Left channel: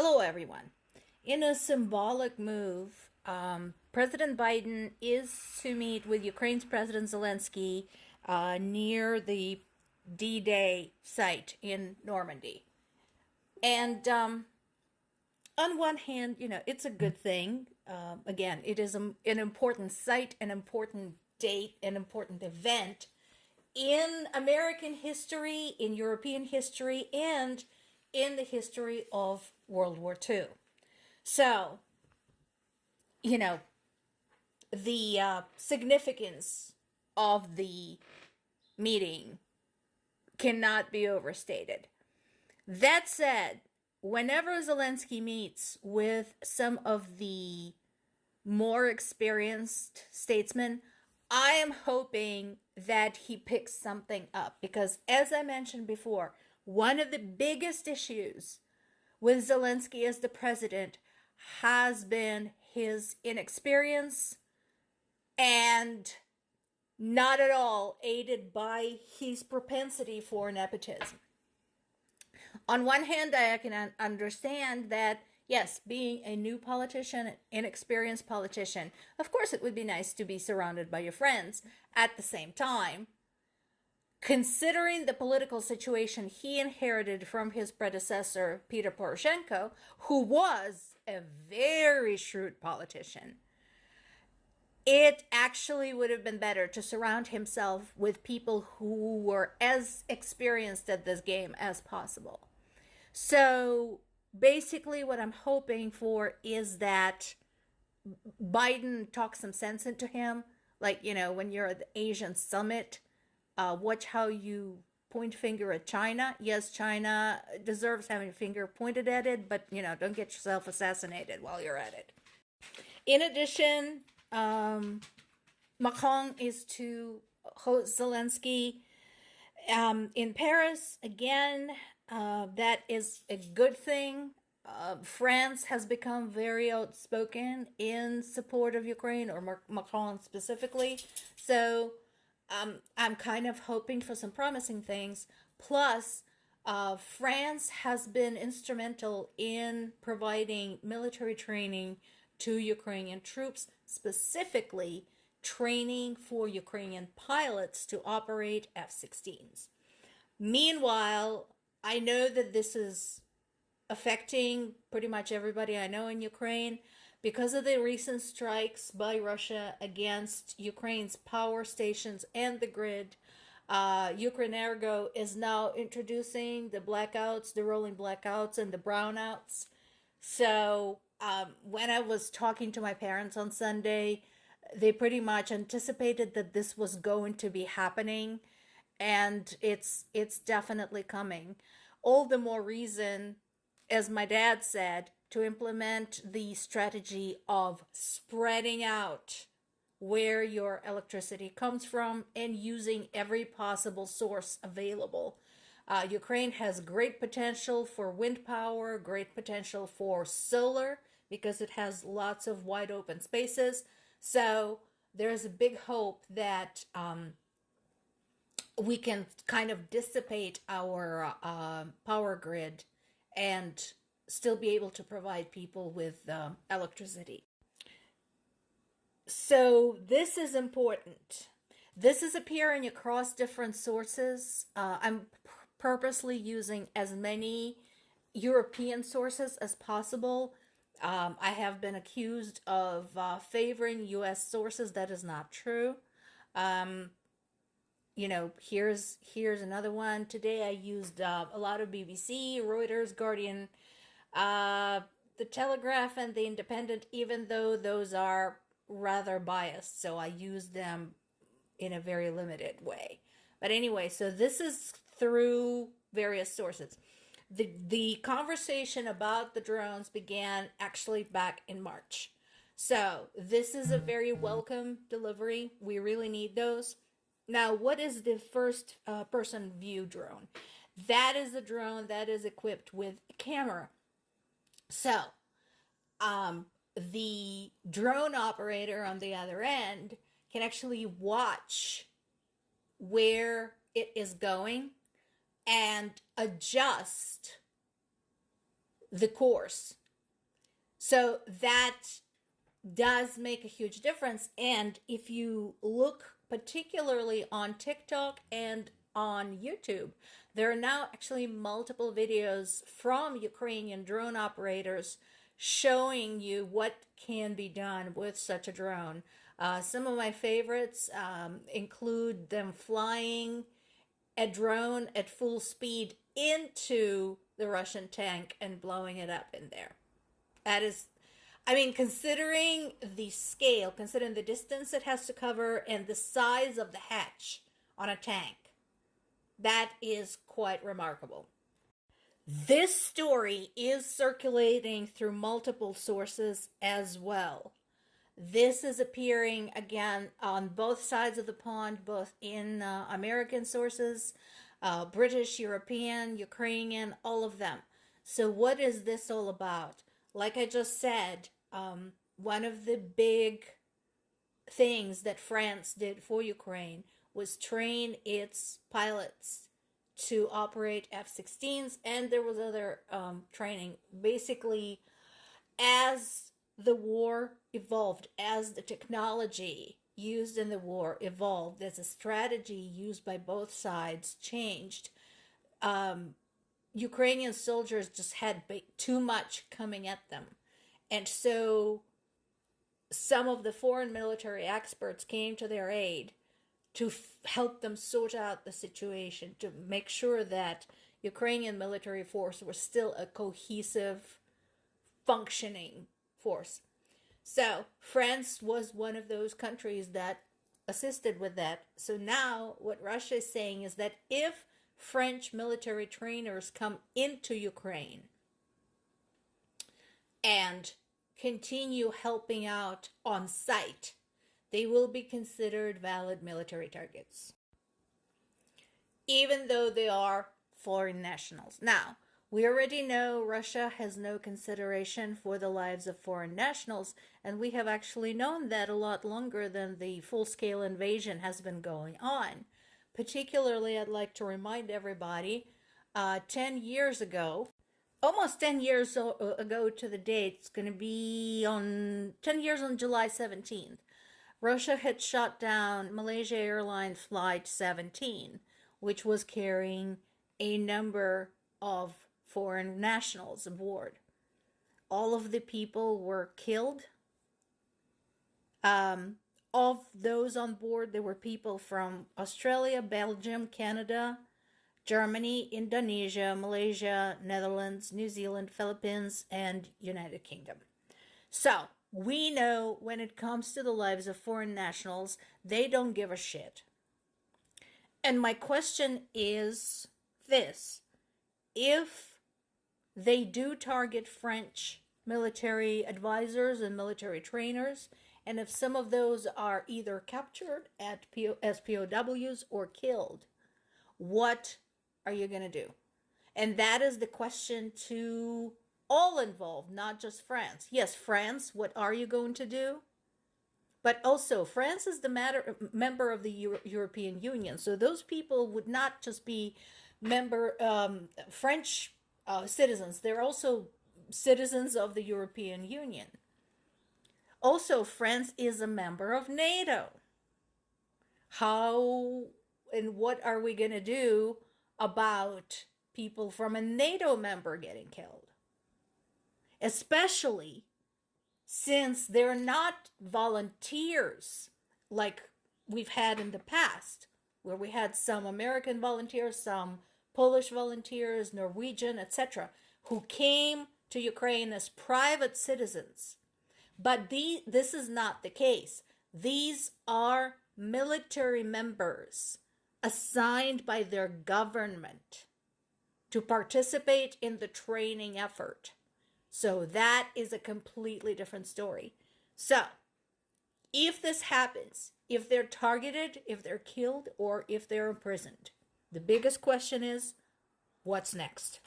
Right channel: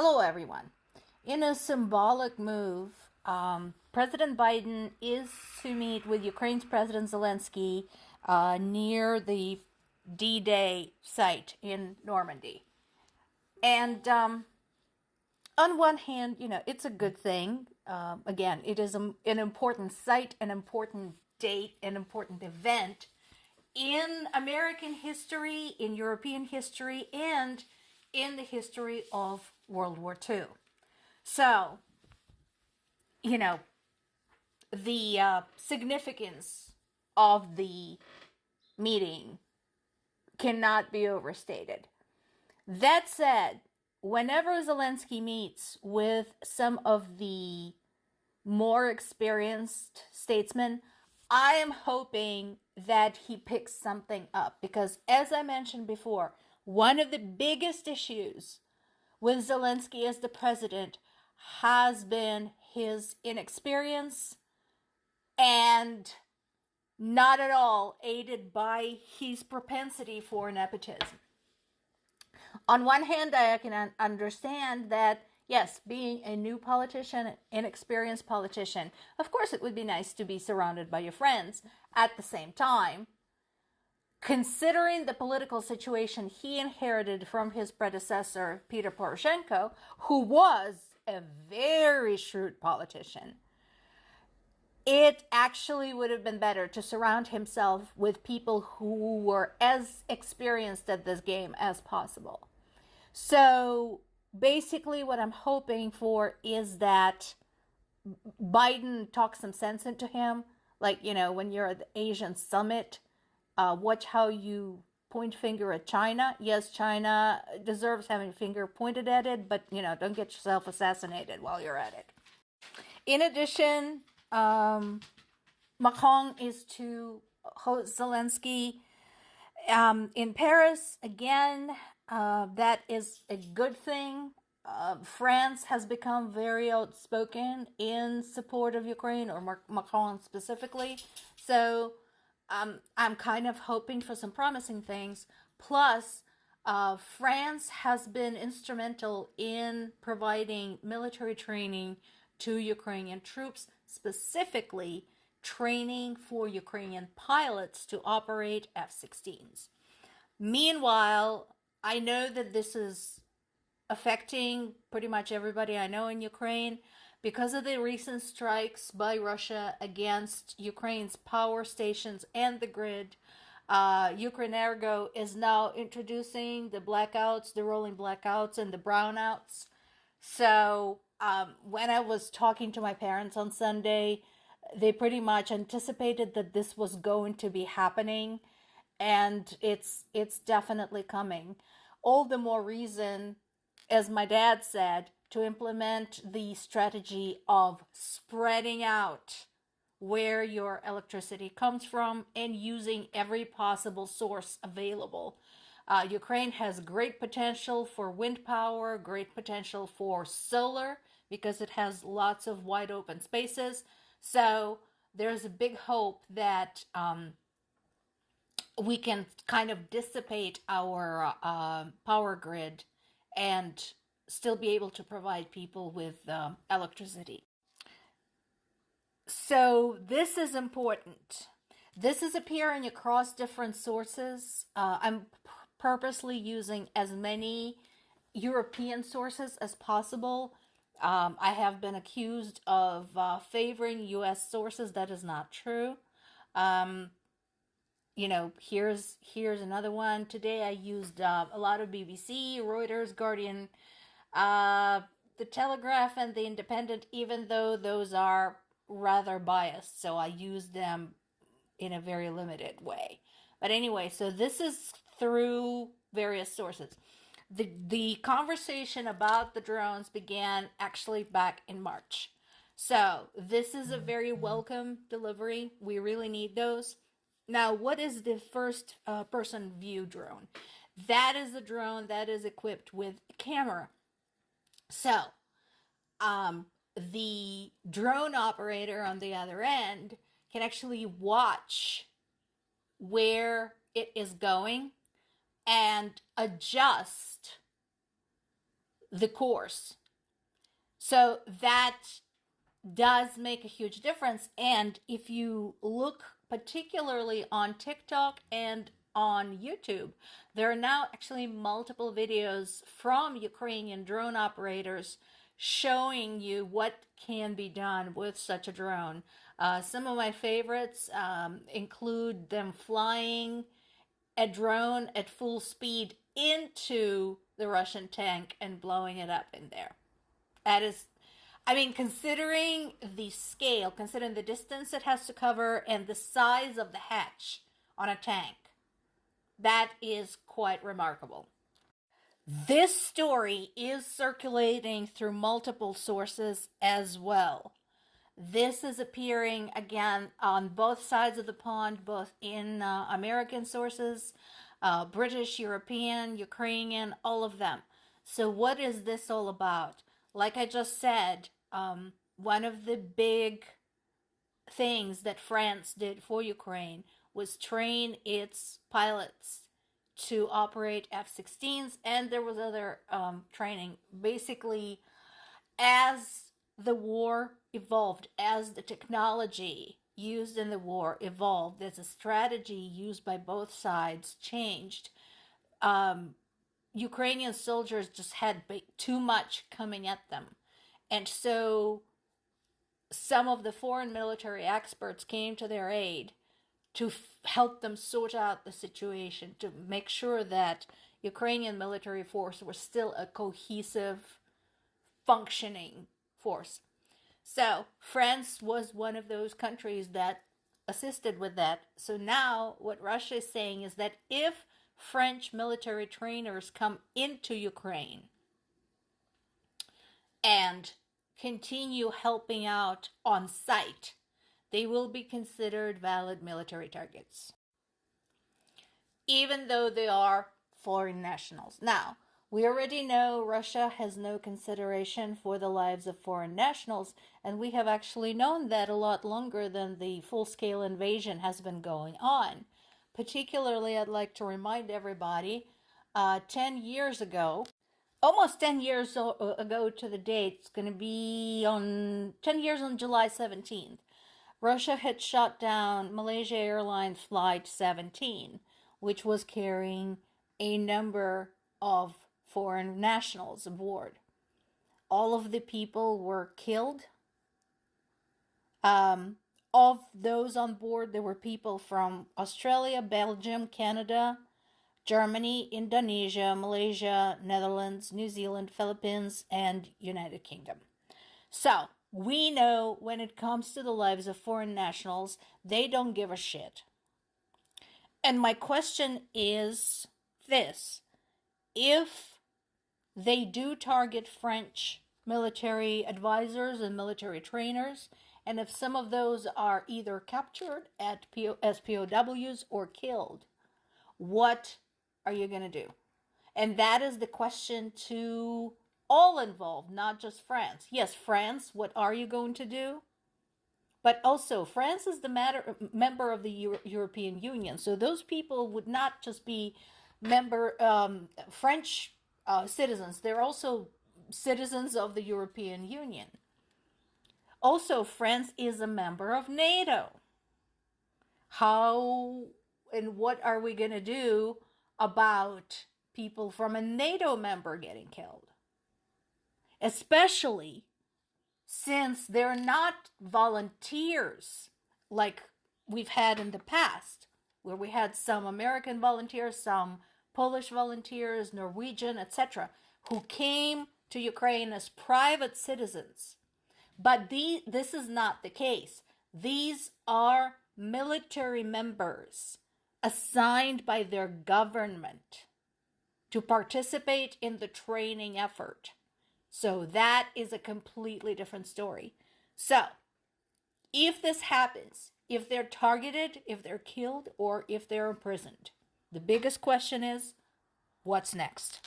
Hello, everyone. In a symbolic move, President Biden is to meet with Ukraine's President Zelensky near the D-Day site in Normandy. And on one hand, it's a good thing. Again, it is an important site, an important date, an important event in American history, in European history, and in the history of World War II. So, you know, the significance of the meeting cannot be overstated. That said, whenever Zelensky meets with some of the more experienced statesmen, I am hoping that he picks something up because, as I mentioned before, one of the biggest issues with Zelensky as the president has been his inexperience and not at all aided by his propensity for nepotism. On one hand, I can understand that, yes, being a new politician, an inexperienced politician, of course it would be nice to be surrounded by your friends. At the same time, considering the political situation he inherited from his predecessor, Peter Poroshenko, who was a very shrewd politician, it actually would have been better to surround himself with people who were as experienced at this game as possible. So basically, what I'm hoping for is that Biden talks some sense into him. Like, when you're at the Asian summit, watch how you point finger at China. Yes, China deserves having a finger pointed at it, but, don't get yourself assassinated while you're at it. In addition, Macron is to host Zelensky in Paris again. That is a good thing. France has become very outspoken in support of Ukraine, or Macron specifically. So I'm kind of hoping for some promising things. Plus, France has been instrumental in providing military training to Ukrainian troops, specifically training for Ukrainian pilots to operate F-16s. Meanwhile, I know that this is affecting pretty much everybody I know in Ukraine because of the recent strikes by Russia against Ukraine's power stations and the grid. Ukrenergo is now introducing the blackouts, the rolling blackouts, and the brownouts. So when I was talking to my parents on Sunday, they pretty much anticipated that this was going to be happening, and it's definitely coming. All the more reason, as my dad said, to implement the strategy of spreading out where your electricity comes from and using every possible source available. Ukraine has great potential for wind power, great potential for solar because it has lots of wide open spaces. So there's a big hope that we can kind of dissipate our power grid and still be able to provide people with electricity. So this is important. This is appearing across different sources. I'm purposely using as many European sources as possible. I have been accused of favoring US sources. That is not true. Here's another one. Today I used a lot of BBC, Reuters, Guardian, the Telegraph, and the Independent, even though those are rather biased. So I use them in a very limited way. But anyway, so this is through various sources. The conversation about the drones began actually back in March. So this is a very welcome delivery. We really need those. Now, what is the first person view drone? That is a drone that is equipped with a camera. So, the drone operator on the other end can actually watch where it is going and adjust the course. So that does make a huge difference. And if you look particularly on TikTok and on YouTube, there are now actually multiple videos from Ukrainian drone operators showing you what can be done with such a drone. Some of my favorites include them flying a drone at full speed into the Russian tank and blowing it up in there. That is, I mean, considering the scale, considering the distance it has to cover and the size of the hatch on a tank, that is quite remarkable. This story is circulating through multiple sources as well. This is appearing again on both sides of the pond, both in American sources, British, European, Ukrainian, all of them. So what is this all about? Like I just said, one of the big things that France did for Ukraine was train its pilots to operate F-16s, and there was other training. Basically, as the war evolved, as the technology used in the war evolved, as the strategy used by both sides changed, Ukrainian soldiers just had too much coming at them. And so some of the foreign military experts came to their aid to help them sort out the situation, to make sure that Ukrainian military force was still a cohesive, functioning force. So France was one of those countries that assisted with that. So now what Russia is saying is that if French military trainers come into Ukraine and continue helping out on site, they will be considered valid military targets, even though they are foreign nationals. Now, we already know Russia has no consideration for the lives of foreign nationals, and we have actually known that a lot longer than the full-scale invasion has been going on. Particularly, I'd like to remind everybody, 10 years ago, almost 10 years ago to the date, it's going to be on 10 years on July 17th, Russia had shot down Malaysia Airlines Flight 17, which was carrying a number of foreign nationals aboard. All of the people were killed. Of those on board, there were people from Australia, Belgium, Canada, Germany, Indonesia, Malaysia, Netherlands, New Zealand, Philippines, and United Kingdom. So, we know when it comes to the lives of foreign nationals, they don't give a shit. And my question is this: if they do target French military advisors and military trainers, and if some of those are either captured as POWs or killed, what are you going to do? And that is the question to all involved, not just France. Yes, France, what are you going to do? But also, France is the member of the European Union, so those people would not just be French citizens. They're also citizens of the European Union. Also, France is a member of NATO. How and what are we going to do about people from a NATO member getting killed? Especially since they're not volunteers like we've had in the past, where we had some American volunteers, some Polish volunteers, Norwegian, etc., who came to Ukraine as private citizens. But this is not the case. These are military members assigned by their government to participate in the training effort. So that is a completely different story. So, if this happens, if they're targeted, if they're killed, or if they're imprisoned, the biggest question is, what's next?